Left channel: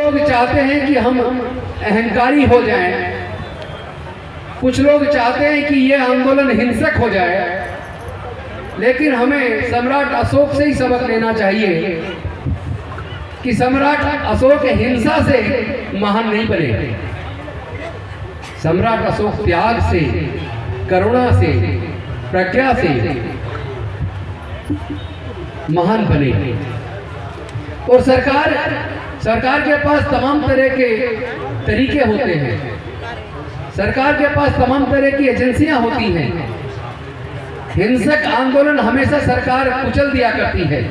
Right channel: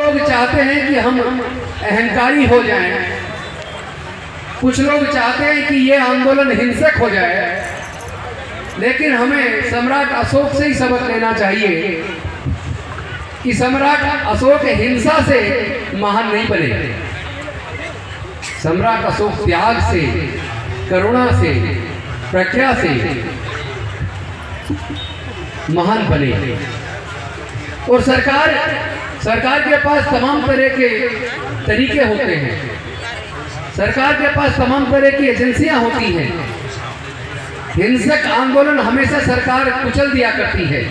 लोग चाहते हैं कि हम अहंकारी हो जाएं, कुछ लोग चाहते हैं कि ये आंदोलन हिंसक हो जाए, लेकिन हमें सम्राट अशोक से ही सबक लेना चाहिए कि सम्राट अशोक हिंसा से महान नहीं बने। सम्राट अशोक त्याग से, करुणा से, प्रज्ञा से महान बने। और सरकार के पास तमाम तरह के तरीके होते हैं, सरकार के पास तमाम तरह की एजेंसियां होती हैं। हिंसक आंदोलन हमेशा सरकार कुचल दिया करती है।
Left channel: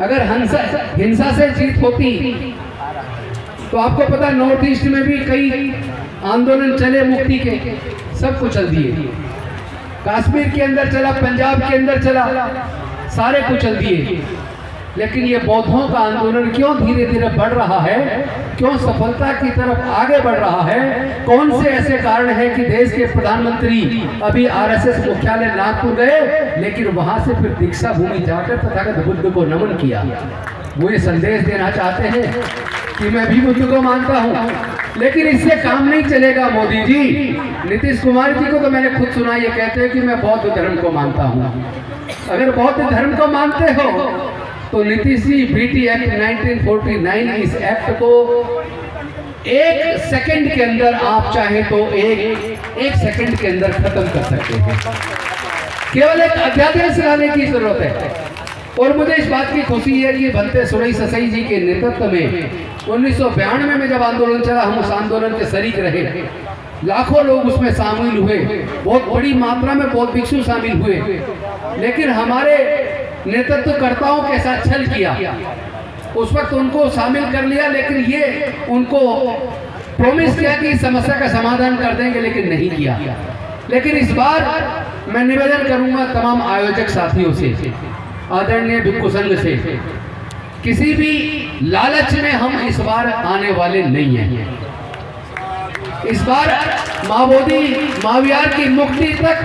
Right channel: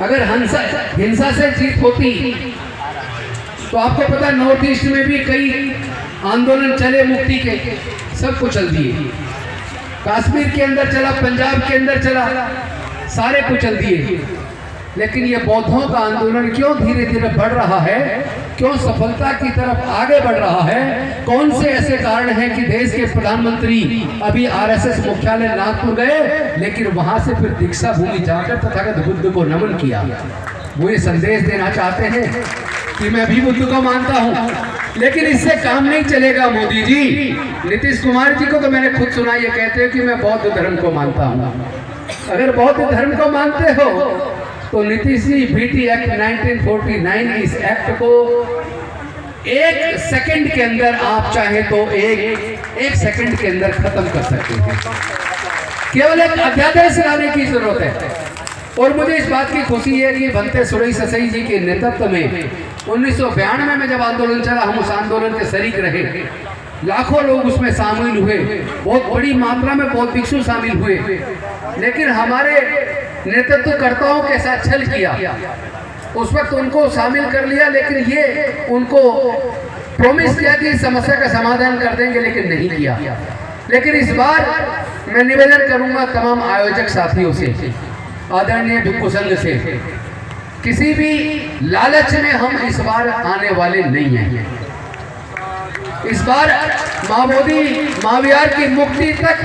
अगर हिंसा से जीत होती तो आपको पता नॉर्थ ईस्ट में भी कई आंदोलन चले मुक्ति के, सब कुचल दिए। कश्मीर के अंदर चला, पंजाब के अंदर चला, सारे कुचल दिए। लेकिन ये बौद्धों का आंदोलन क्यों धीरे धीरे बढ़ रहा है, क्यों सफलता की तरफ आगे बढ़ रहा है? कौन से ऐसे कारण हैं कि देश के प्रधानमंत्री अभी आरएसएस मुख्यालय नागपुर गए, लेकिन वहां से फिर दीक्षा भूमि जाकर तथागत बुद्ध को नमन किया। वो ये संदेश देना चाहते हैं कि मैं भी बुद्ध को मानता हूँ। लेकिन इससे काम नहीं चलेगा मोदी जी। नीतीश कुमार जी को तो मैंने खुद सुना, ये कहते हैं कि मैं बौद्ध धर्म को मानता हूँ। अगर बौद्ध धर्म को मानते हो तो नीतीश जी बीटी एक्ट 1949, इस एक्ट को एक सेकंड के अंदर आप चाहें तो एक सेकंड के अंदर खत्म कर सकते हैं। केवल एक अध्यादेश लाने की जरूरत है। और मुझे इस बात की खुशी है कि भंते सुरई ससई जी के नेतृत्व में 1992 में जब आंदोलन चला, हम उस आंदोलन के शरीक रहे। लाखों लोग उसमें शामिल हुए, बहुत बड़ी मात्रा में बौद्ध भिक्षु शामिल हुए। लेकिन हमारे नेतृत्वकर्ताओं के साथ छल किया। उस वक्त उनको शामिल कर लिया, लेकिन ये उनको प्रॉमिस किया कि इस समस्या का समाधान कर देंगे, लेकिन नहीं किया। लेकिन इस बार मैं निवेदन करूंगा तमाम आयोजक साथियों से, आदरणीय भिक्षु संघ से, किसी भी लालच में हम इस बार आने वाले नहीं हैं। इस बार माओवादी मावियार की मुक्ति तक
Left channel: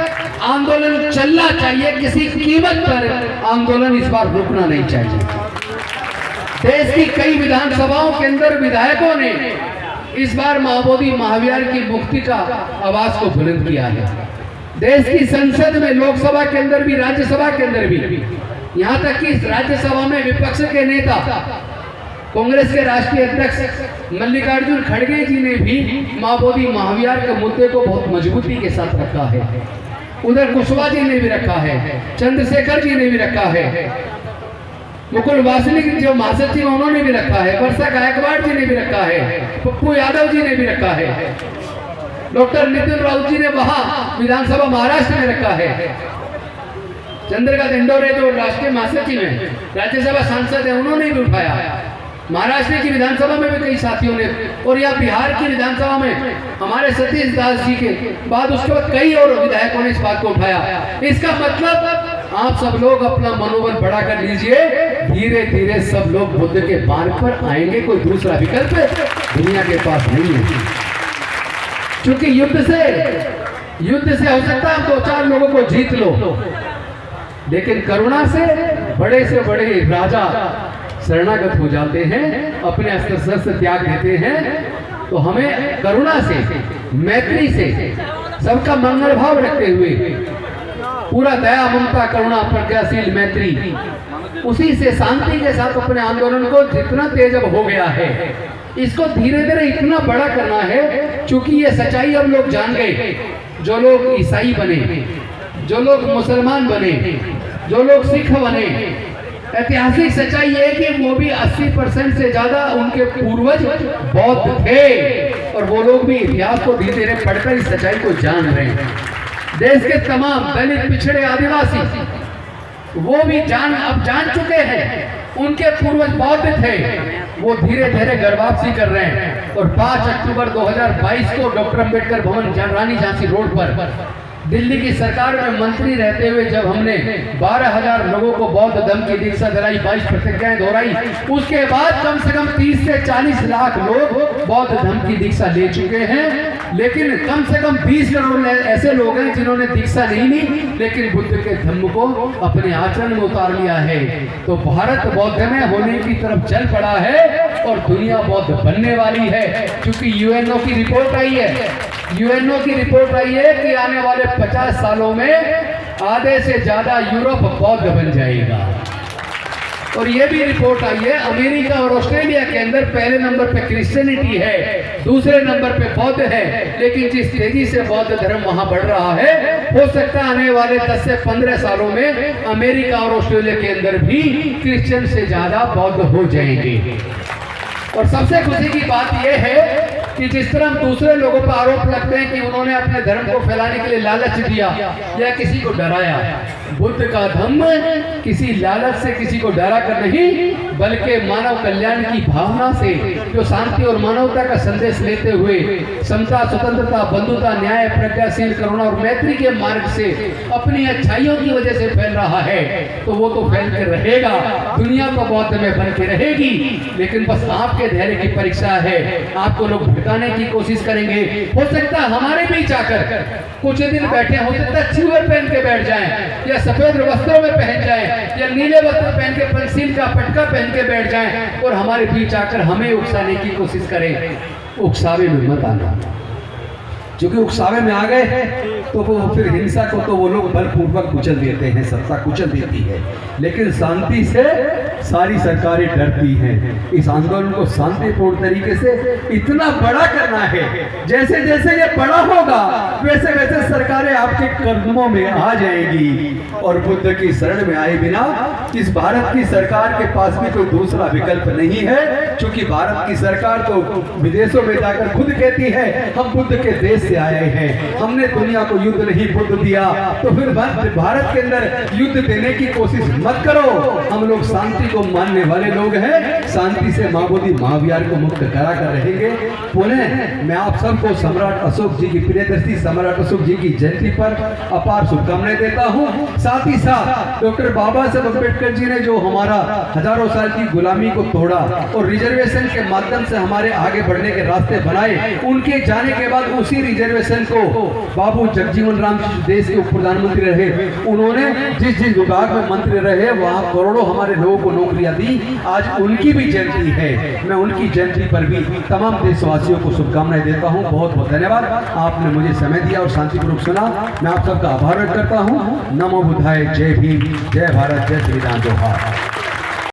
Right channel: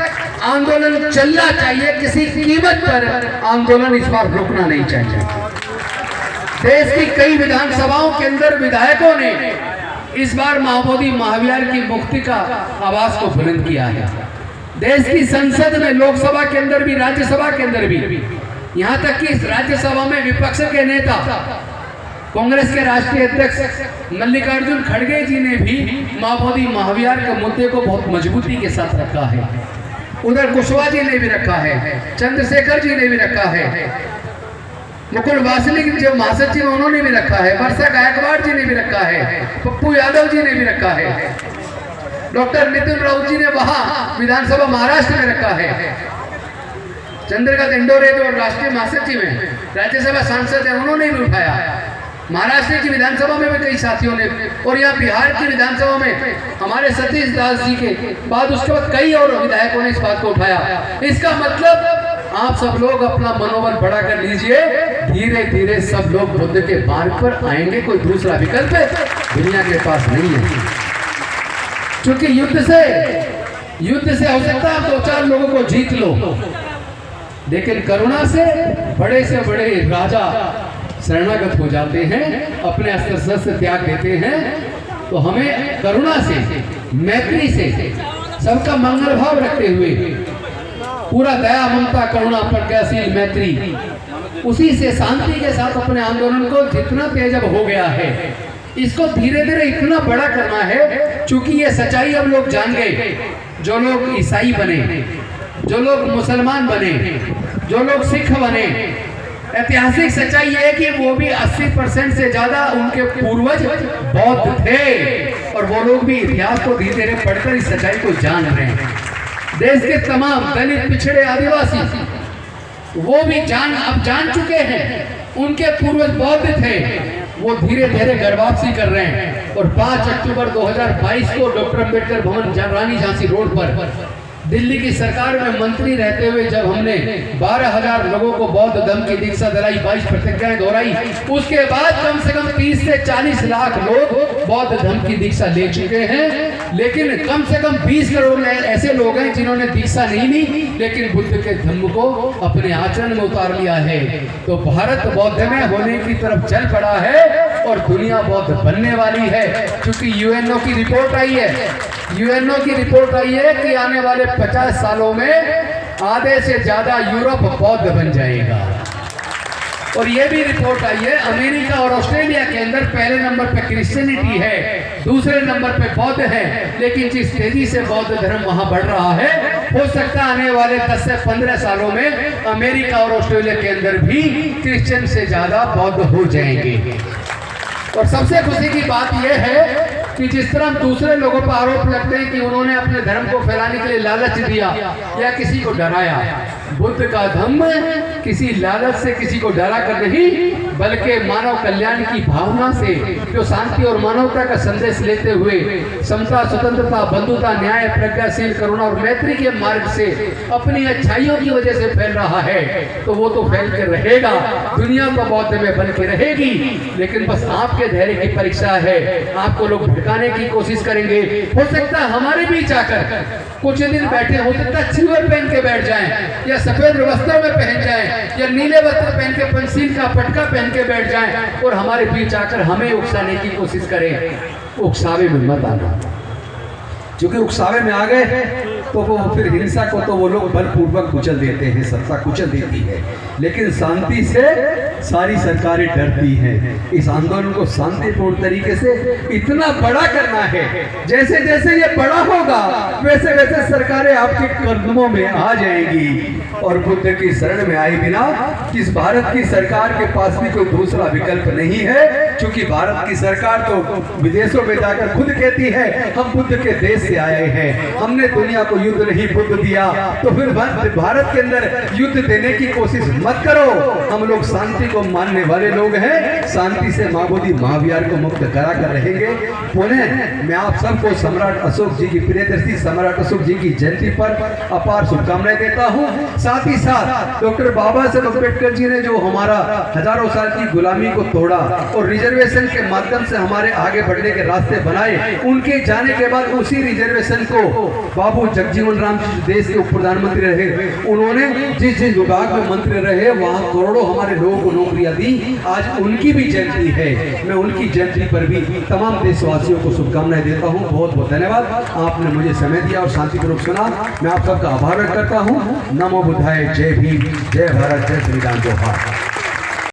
आंदोलन चलना चाहिए, किसी कीमत पर आंदोलन इस बार रुकना नहीं चाहिए। देश की कई विधानसभाओं के अंदर विधायकों ने इस बार माओवादी महावियार की मुक्ति का आवाज को बुलंद किया है। देश की संसद में, लोकसभा के अंदर भी, राज्यसभा के अंदर भी, यहाँ तक कि राज्यसभा में विपक्ष के नेता कांग्रेस के राष्ट्रीय अध्यक्ष मल्लिकार्जुन खड़गे जी ने भी माओवादी महावियार के मुद्दे को बहुत मजबूती के साथ रखा है। उधर कुशवाहा जी ने भी रखा है, चंद्रशेखर जी ने भी रखा है, मुकुल वासनिक जो महासचिव उन्होंने भी रखा है, वर्षा गायकवाड़ जी ने भी रखा है, पप्पू यादव जी ने भी रखा है, डॉक्टर नितिन राउत जी ने वहां विधानसभा महाराष्ट्र में रखा है, चंद्रकांत इंडोरे जो राष्ट्रीय महासचिव है, राज्यसभा सांसद है, उन्होंने भी उठाया। महाराष्ट्र की विधानसभा में भी कई साथियों ने, और यहाँ बिहार की विधानसभा में हमारे सतीश दास जी के बाद उसके बाद कई और विधायकों ने इस बात को उठाया। इसका मतलब आप सब लोग अपना मनोबल बढ़ा कर लीजिए। धीरे धीरे सब लोग बुद्ध के मार्ग पर आएंगे। कोई दूसरा विकल्प दुनिया के पास नहीं है। क्योंकि युद्ध से हो सकता है आप 2-4 लोगों को जीत लो, लेकिन करुणा से बड़े राजा शरणागत हो जाते हैं, अपने अस्त्र शस्त्र त्याग देते हैं। तो हमें करुणा से, मैत्री से, सबका मंगल भाव रखते हुए, पूरा दया, ममता, करुणा, प्रज्ञाशील मैत्री, उसी से शांति के साथ अपने आंदोलन को जितना तेज अब हो गया है, इसको धीरे धीरे इतना बड़ा करना है। क्योंकि ये सच्चाई अब लोग जान गए। जो लोग ईसाई बने, जो लोग मुसलमान बने, जो लोग सिख बने, ऐतिहासिक सच्चाई है कि वो भी 80% से ज्यादा उनके पूर्वज बौद्ध थे। और वो लोग भी इतिहास को धीरे धीरे पढ़कर इस सच्चाई को जान रहे हैं। देश के तमाम दलित, पिछड़े, आदिवासी वो भी अब जान चुके हैं उनके पूर्वज बौद्ध थे। वो धीरे धीरे गर्भापसी कर रहे हैं। और 5 अक्टूबर 2022 को डॉक्टर अम्बेडकर भवन, रानी झांसी रोड पर दिल्ली की सरकार में मंत्री रहते हुए जब हमने 12,000 लोगों को बौद्ध धर्म की दीक्षा दिलाई, 22 प्रतिज्ञाएं दोहराई, उसके बाद कम से कम 30 से 40 लाख लोग बौद्ध धर्म की दीक्षा ले चुके हैं। लेकिन कम से कम 20 करोड़ ऐसे लोग हैं जिन्होंने दीक्षा नहीं ली, लेकिन बुद्ध के धर्म को अपने आचरण में उतार लिया है। तो भारत बौद्ध में होने की तरफ चल पड़ा है। और दुनिया बौद्ध बनने वाली है, क्योंकि यूएनओ की रिपोर्ट आई है, यूएनओ की रिपोर्ट आई है कि आने वाले 50 सालों में आधे से ज्यादा यूरोप बौद्ध बन जाएगा। और ये भी रिपोर्ट आई है अमेरिका और ऑस्ट्रेलिया के अंदर पहले नंबर पे क्रिश्चियनिटी है, दूसरे नंबर पे बौद्ध है, लेकिन जिस तेजी से बौद्ध धर्म वहां बढ़ रहा है, हो सकता है आने वाले 10 से 15 सालों में अमेरिका और ऑस्ट्रेलिया के अंदर भी क्रिश्चियन से ज्यादा बौद्ध हो जाएंगे। और सबसे खुशी की बात यह है कि जिस तरह हम दूसरे लोगों पर आरोप लगते हैं कि उन्होंने अपने धर्म को फैलाने के लिए लालच दिया या किसी को डराया, बुद्ध का धर्म किसी लालच से किसी को डरा कर नहीं, बल्कि मानव कल्याण की भावना से, जो शांति और मानवता का संदेश लेते हुए समता, स्वतंत्रता, बंधुता, न्याय, प्रज्ञाशील, करुणा और मैत्री के मार्ग से अपनी अच्छाइयों की वजह से फैल रहा है, तो वो तो फैल कर रहेगा, दुनिया तो बौद्ध में बन के रहेगी। लेकिन बस आपके धैर्य की परीक्षा है, आपको लोग भटकाने की कोशिश करेंगे। हो सकता है हमारे बीच आकर कुछ दिन बैठे, हो सकता है चिवर पहन के बैठ जाएं, या सफेद वस्त्रों में पहन जाएं, या नीले वस्त्र पहन के पंसील का पटका पहन के बैठ जाएं और हमारे बीच आकर हमें उकसाने की कोशिश करें। उकसावे में मत आना, क्योंकि उकसावे में आ गए तो वो फिर हिंसा को तो वो लोग बलपूर्वक कुचल देते हैं, सत्ता कुचल देती है। लेकिन शांति से सारी सरकारें डरती हैं। इस आंदोलन को शांतिपूर्ण तरीके से इतना बड़ा करना है, जैसे जैसे ये बड़ा होगा वैसे वैसे सरकारें आपके कदमों में आ जाएंगी। और बुद्ध की शरण में आए बिना इस भारत की सरकार के पास भी कोई दूसरा विकल्प नहीं है, क्योंकि भारत की सरकार तो विदेशों में जाकर खुद कहती है हम बुद्ध के देश से आए हैं, हमने दुनिया को युद्ध नहीं बुद्ध दिया, तो फिर भारत के अंदर युद्ध देने की कोशिश मत करो। हम लोग शांति को मानने वाले लोग हैं, शांति से माँ बोधी महाविहार को मुक्त करा कर रहेंगे। पुनः मैं आप सबको सम्राट अशोक जी की, प्रियदर्शी सम्राट अशोक जी की जयंती पर अपार शुभकामनाएं देता हूँ। साथ ही साथ डॉक्टर बाबा साहब अम्बेडकर जी ने जो हमारा हजारों साल की गुलामी को तोड़ा और रिजर्वेशन के माध्यम से हमारे आगे बढ़ने के रास्ते बनाए, उनके जाने के बाद उसी रिजर्वेशन को बाबू जगजीवन राम जी देश के उप प्रधानमंत्री रहे, उन्होंने जिस जिस विभाग में मंत्री रहे वहां करोड़ों हमारे लोगों को नौकरियां दी। आज उनकी भी जयंती है, मैं उनकी जयंती पर भी तमाम देशवासियों को शुभकामनाएं देता हूं। बहुत बहुत धन्यवाद, आपने मुझे समय दिया और शांतिपूर्वक सुना। मैं आप सबका आभार व्यक्त करता हूं। नमो बुद्धाय, जय भीम, जय भारत, जय श्री राम, जोहार।